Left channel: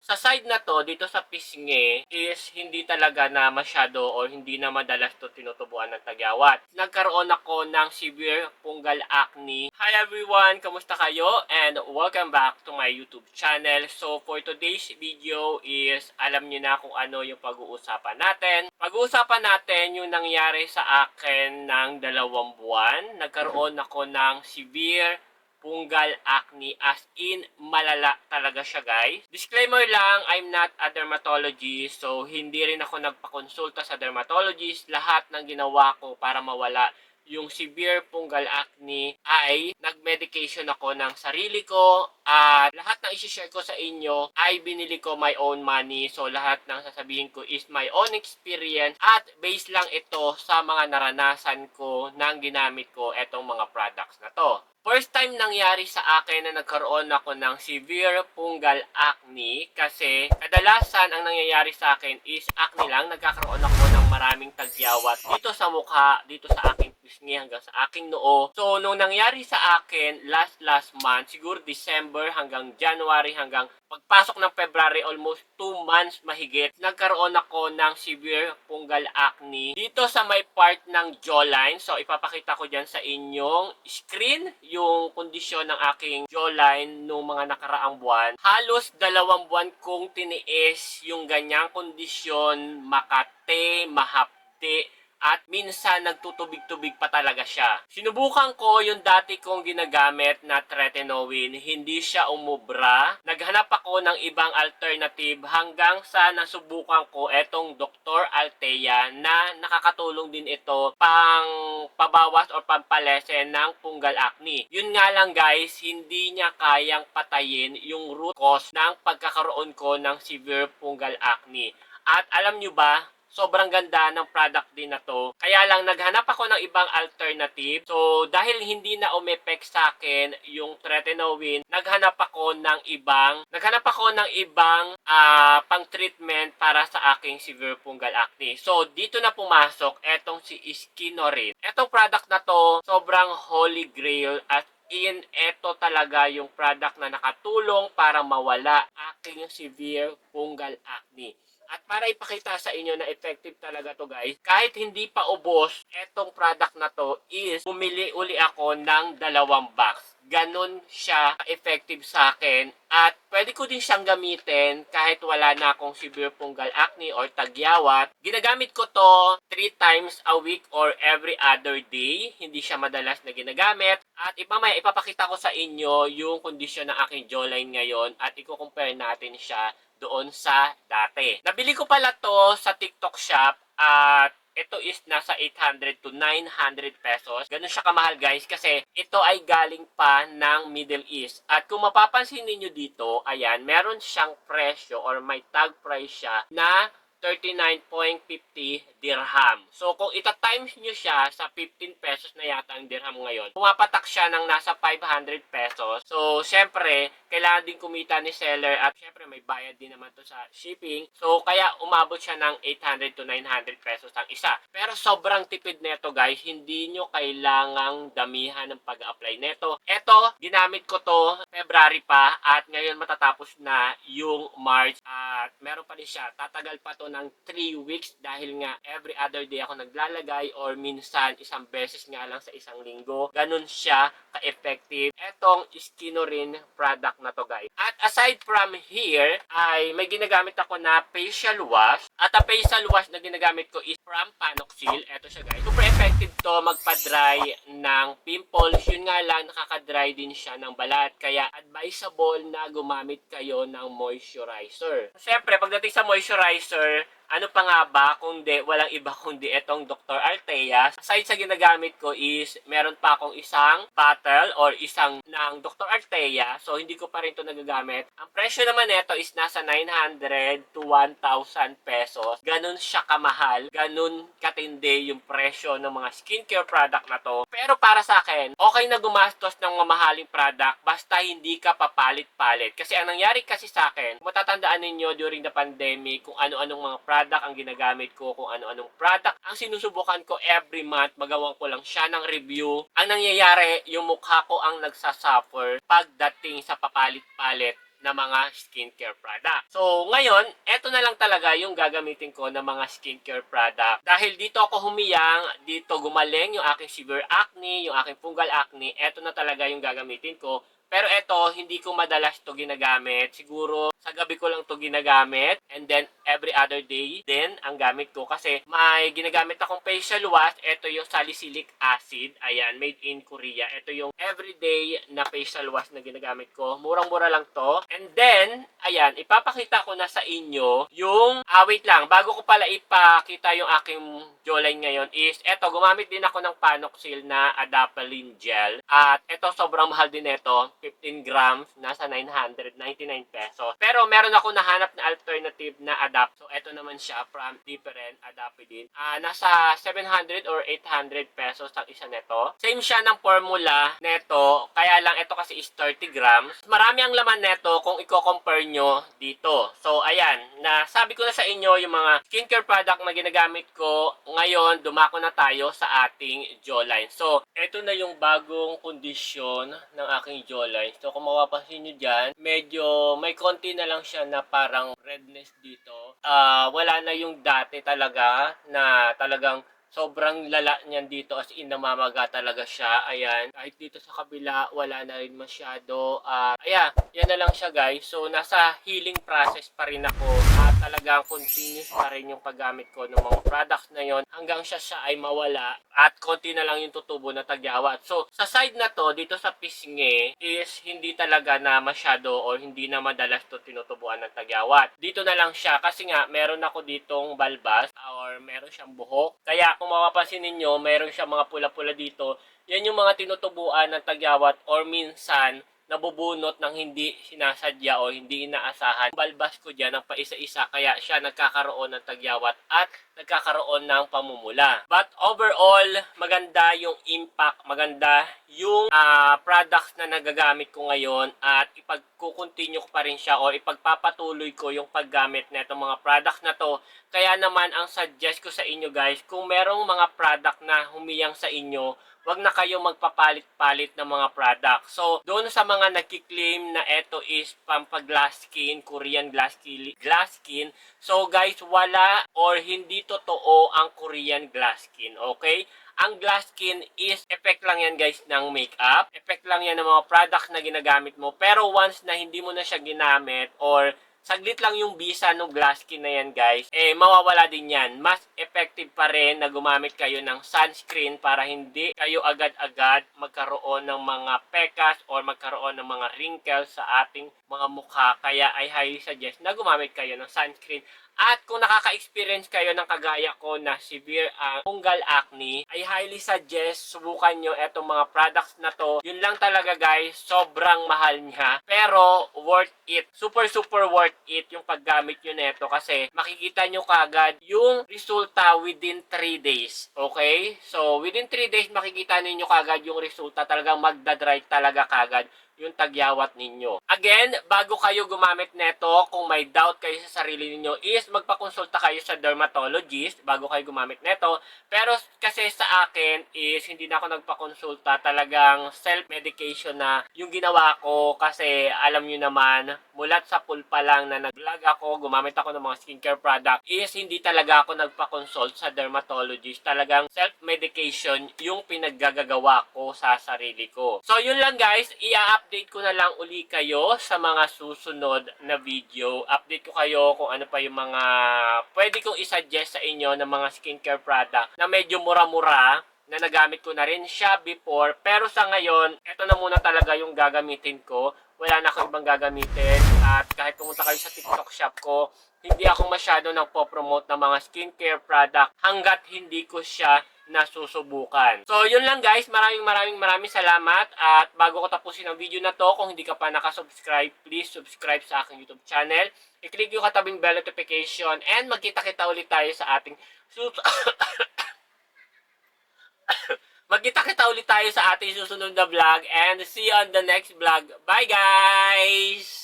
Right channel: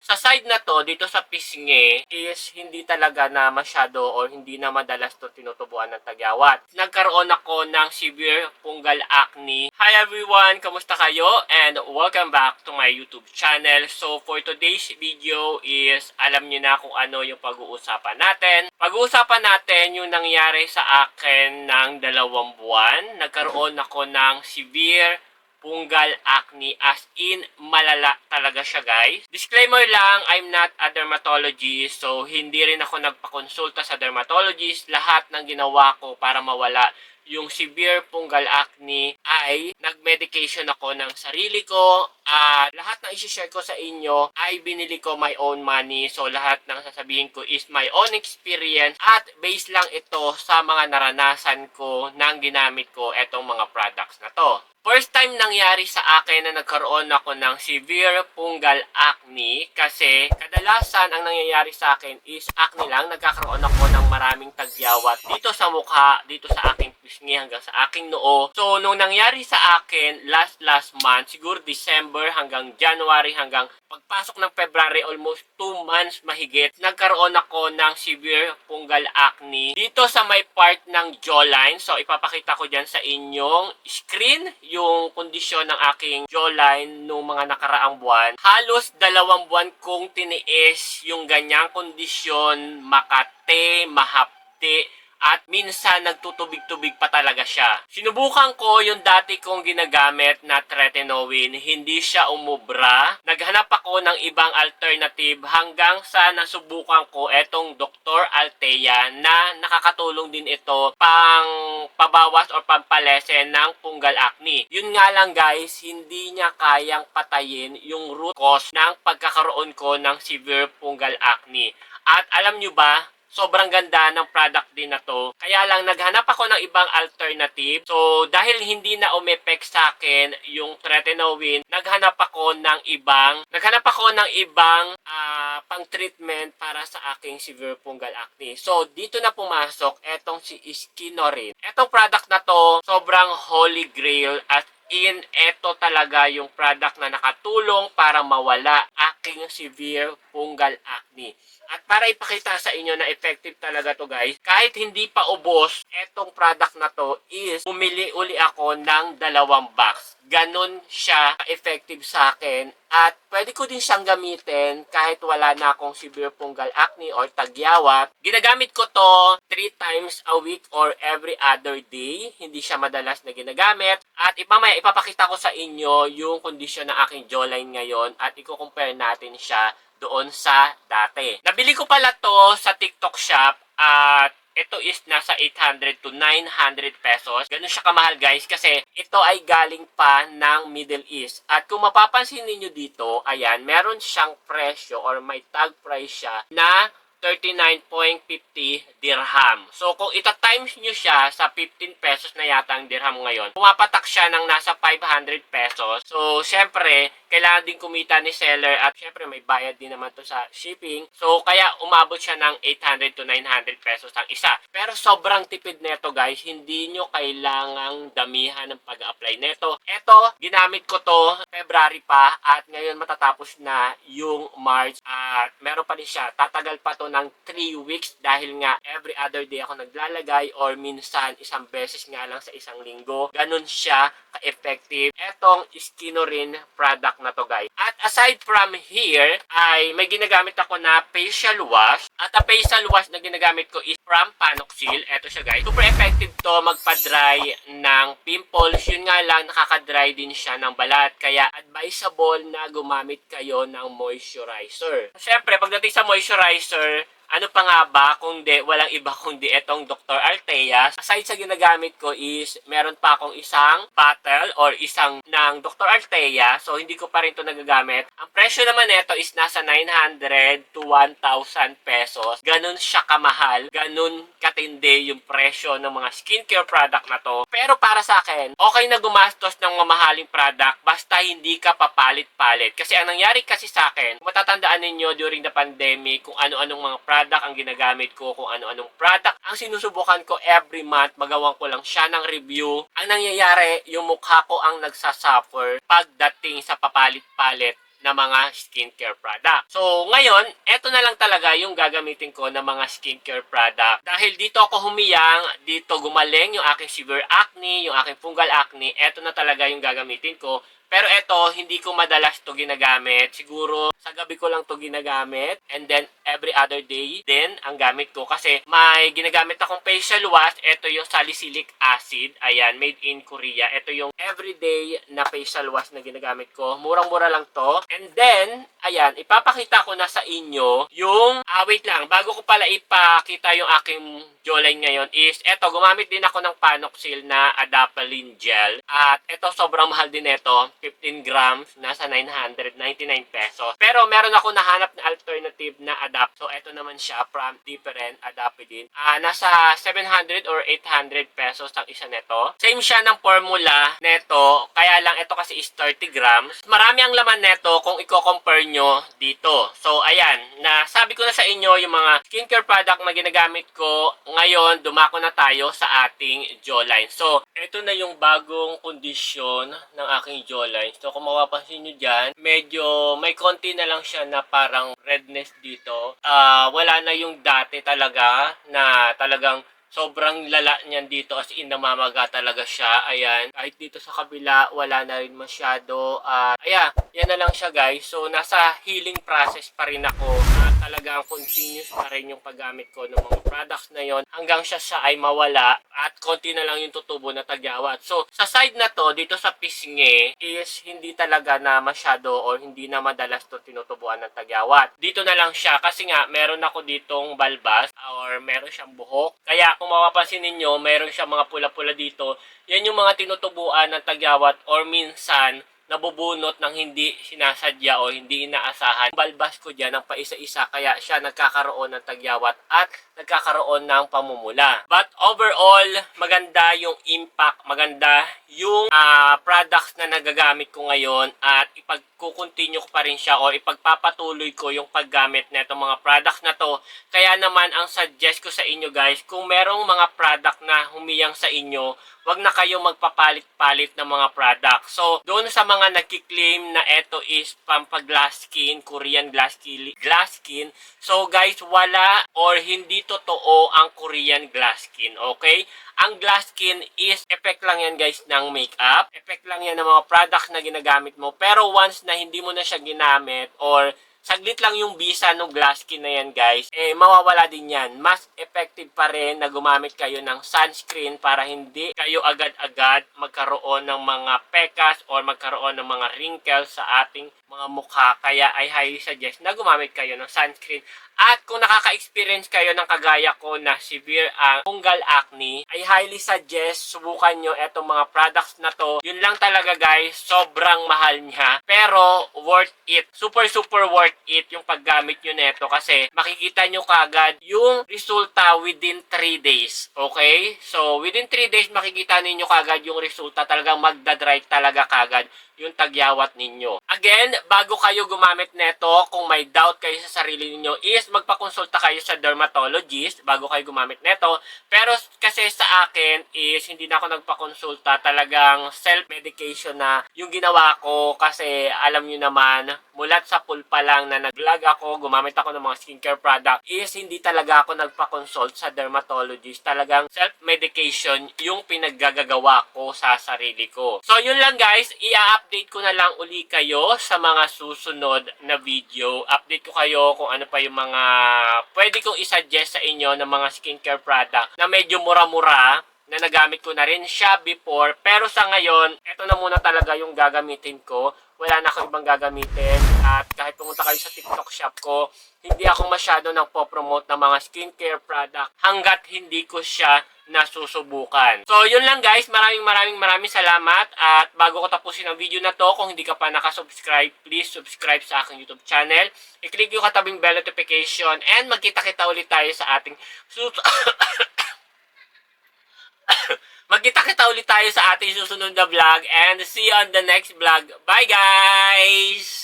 Sa side na to, dito sa pisngi, is hindi talaga na masyado or hindi na madalas to tinutubuan ng tagyawat. Nagkaroon ako ng severe fungal acne. Hi everyone! Kamusta kayo? And welcome back to my YouTube channel. So for today's video is, alam niyo na kung ano yung pag-uusapan natin. Pag-uusapan natin yung nangyari sa akin ng 2 buwan. Nagkaroon ako ng severe fungal acne, as in malala talaga siya, guys. Disclaimer lang, I'm not a dermatologist, so hindi rin ako nagpakonsulta sa dermatologist. Lahat ng ginawa ko para mawala yung severe fungal acne ay nag-medication ako ng sarili ko, at lahat ng isi-share ko sa inyo ay binili ko my own money. So lahat ng sasabihin ko is my own experience at based lang ito sa mga naranasan ko nang ginamit ko etong mga products na to. First time nangyari sa akin na nagkaroon ako ng severe fungal acne, kasi kadalasan ang nangyayari sa akin is acne lang. Nagkakaroon ako ng maraming tagyawat dito sa mukha, dito sa aking pisngi hanggang sa aking noo. So nung nangyari sa akin last month, siguro December hanggang January hanggang pagpasok ng February, almost 2 months mahigit, nagkaroon ako ng severe fungal acne dito sa may part ng jawline. So ipapakita ko dyan sa inyong screen yung kondisyon ng aking jawline nung mga nakaraang buwan. Halos 2 buwan kong tiniis yung ganyang kondisyon, makate, mahapde, at minsan nagtutubig-tubig pa talaga siya. Sinubukan ko yung dati kong ginagamit na tretinoin, hindi siya umubra. Naghanap ako ng ibang alternative hanggang sa nasubukan ko etong Dr. Althea na nakakatulong din ito pang pabawas or pampalesen ng fungal acne. Yun nga lang guys, hindi niya kayang patayin yung root cause ng pagkakaroon ko ng severe fungal acne. At alam nyo ba, sobrang ganda ng product din na to. Kaya lang naghanap ako ng ibang alternative. So dahil hindi na umepek sa akin yung tretinoin, naghanap ako ng ibang pang-treatment para sa aking severe fungal acne. So dito na pumasok etong si Skinorin. Etong product na to, sobrang holy grail, at ito talaga yung product na nakatulong para mawala aking severe fungal acne. At para ipakita sa inyo na effective talaga to guys, kahit hindi pa ubos etong product na to, is bumili uli ako ng 2 box. Ganon siya effective sa akin, at pwede ko din siyang gamitin kahit wala na akong severe fungal acne or tagyawat. Ginagamit ko to 3 times a week or every other day. Hindi siya madalas na ginagamit. At mamaya ipapakita ko sa inyo yung kondisyon ng aking jawline ngayon at i-compare natin siya doon sa dati. Nabili ko pala to sa TikTok shop at ito is nasa 800 to 900 pesos. Ganun siya kamahal guys, kasi ito ay galing pa ng Middle East. At kung mapapansin niyo dito, ayan, meron siyang presyo or may tag price siya na 39.50 dirham. So, kung ita-times nyo siya sa 15 pesos na yata ang dirham ngayon, pumapatak siya ng nasa 500 pesos. So, syempre, kailangan din kumita ni seller, at syempre may bayad din naman to sa shipping. So, kaya umabot siya ng 800 to 900 pesos ang isa. Pero sobrang tipid neto guys, hindi nyo kailangang damihan ng pag-apply neto. Ito, ginamit ko to February pa, at ngayon matatapos na yung March, at meron pa din siya. Tatagal pa to ng 3 weeks dahil nga every other day ako naglalagay, or minsan isang beses nga lang sa isang linggo. Ganun siya ka-effective etong Skinorin product na to guys. At aside from here, ay may ginagamit ako na facial wash. At ang facial wash na ginagamit ko is from Panoxyl. Eto siya guys. Super effective to magpa-dry ng pimples. Yun nga lang, nakaka-dry din siya ng balat. Kaya advisable na gumamit kayo ng moisturizer. Siyempre, pagdating sa moisturizer, ano pa nga ba kundi walang iba kundi etong Dr. Althea. Aside sa ginagamit ko is meron pa akong isang bottle or isang ng Dr. Althea. So hindi ko pa rin to nagagamit. Ang presyo naman nito is nasa 900 to 1,000 pesos. Ganun siya kamahal. Ganun katindi yung presyo ng mga skincare product na to. Pero para sa akin, okay na gumastos ng mamahaling product basta hindi ka papalit-palit. Kasi ang nangyari kasi sa akin, matatandaan ninyo during the pandemic kung ano-anong mga product ang ginagamit ko, kung ano-anong product ang sinusubukan ko every month, magawan ko lang siya ng review. Ang nangyayari, yung mukha ko ang nagsasuffer pagdating sa papalit-palit na mga skincare product. So, ngayon, eto na lang talaga yung gagamitin ko na mga skincare product. Dahil dito ako humiyang, dito gumaling yung aking severe acne, yung aking fungal acne, eto na talaga yung gagamitin ko. Pero eto, hindi ko madalas to ginagamit. Siguro, sa gabi ko lang to ginagamit. And then, every other day din ang gamit ko. Kasi may ginagamit akong facial wash. Ito yung salicylic acid. Ayan, made in Korea. Ito yung everyday na facial wash na ginagamit ko. Murang-mura lang to. And then, ayan, ipapakita ko na sa inyo yung, wait lang, bago ko pala ipakita yung aking jawline ngayon is, eto, gumamit din ako ng Panoxyl na Adapalene Gel. At eto, sobrang mahal din ito. 15 grams, nasa 999 pesos. Pero meron ako nahanap na alternative na adapt. So, ito naman siya from different Adapalene. Nasa 700 or 800 pesos ang isa neto. Same siya ng formula neto. Kaya lang ito kasi is 30 grams. Marami ang laman neto kung i-compare nyo dito. So, ayan. Nasabi ko na sa inyo yung mga skincare product na ginagamit ko. Ngayon, dumako na tayo sa ating jawline. So, ito na yung bagong kondisyon ng aking jawline. So, kung mapapansin nyo dyan, medyo may konti na lang siya na parang redness dito. Wala na yung dati talaga na talagang sobrang lala niyan dito as in namamaga talaga siya. Ayan. Kahit dito sa kabila, wala na rin masyado. Ayan. Yan na lang siya guys. So, nasa healing process pa rin ako. Talagang continuous pa rin yung paggamit ko ng mga products na yon hanggang siya ay mawala at konti na lang yung tutubo na tagyawat. So, sa side na to, dito sa pisngi is hindi talaga na masyado or hindi na madalas to tinutubuan ng tagyawat. Dito na lang siya kasi nga meron ako ditong balbas or meron siyang buhok. Kaya kung mapapansin ninyo, meron siyang mga pula-pula dito. Yan yung mga tinutubuan ng tagyawat or minsan nabubunot ng hindi sinasadya o hindi inaasahan. Balbas ko dyan ng paisa-isa kaya siya nagkakaroon ng tagyawat at nagkakaroon ng pamumula. But overall, maganda yung impact, maganda yung products na nagagamit ko ngayon at ipagkukontinue ko pa rin siya o ipagpapatuloy ko yung paggamit na itong mga products na to. Kaya naman ang suggest ko sa inyo guys, kung merong mga product na humiyang sa inyo, wag na kayo magpapalit-palit ng mga product. So, doon sa mga nagki-claim na ito is pampaglass skin, Korean glass skin. So, guys, wala or hindi totoo ang Korean glass skin, okay? Ang glass skin is effect lang yan guys ng makeup. Effect lang yan ng mga product na ginagamit mo. Pero once na hindi mo na siya ginamit or saglit lang yung bisa ng glass skin na yan guys, mawawala din yan. Mas effective pa rin na gumamit kayo ng sunscreen para hindi kayo agad-agad magkaroon ng mga pekas or magkaroon ng mga wrinkles sa ating mga mukha. Kaya I highly suggest na gumamit kayo ng sunscreen. At kung nakaka-experience kayo ng kagaya ko na severe fungal acne, I highly suggest subukan nyo etong mga products na to. Yun lang talaga guys, sobrang mahal niya. Pero worth it. Super worth it yung paggamit nyo neto kasi makikita nyo kagad yung resulta within 3 days. Okay? So within 3 days makikita ninyo kagad yung resulta. Talagang magdadry talaga kagad yung tagyawat ninyo. Again, bago kayo gumamit neto, kung may doubt kayo sa sarili ninyo, is magpakonsulta kayo sa dermatologist bago kayo gumamit neto. Pero kasi sa akin is hindi na ako nagpakonsulta, talagang self-medication na yung ginawa ko kasi alam nyo naman, mulat sa pulpa lang na nag-vlog ako, gumamit ako ng mga skincare product, is hindi talaga ako nagpakonsult sa dermatologist. Talagang self-medication yung pinaggagawa ko sa sarili ko. So yun lang guys, i-update ko na lang uli kayo sa mga susunod na video. Update ko kayo kung ano pa yung mga pwede kong isuggest sa inyo ng mga skincare product na medyo mura-mura na nagamit ko na rin siya before. Pero sa ngayon, ito na muna talaga yung gagamitin ko. Wala na akong ibang gagamitin. At kahit pumunta kayo sa TikTok shop ko, hindi ako masyado nagpo-promote ng mga skincare product hanggat hindi ko siya nasusubukan. So, yun lang guys. Maraming salamat. At bago ko tapusin ang video na to, kung hindi ka pa nakasubscribe, please subscribe sa aking YouTube channel. I-click yung katabing bell notification and magkita-kita ulit tayo sa ating magkita-kita ulit tayo sa ating susunod na vlog and see you on the next vlog. Bye guys!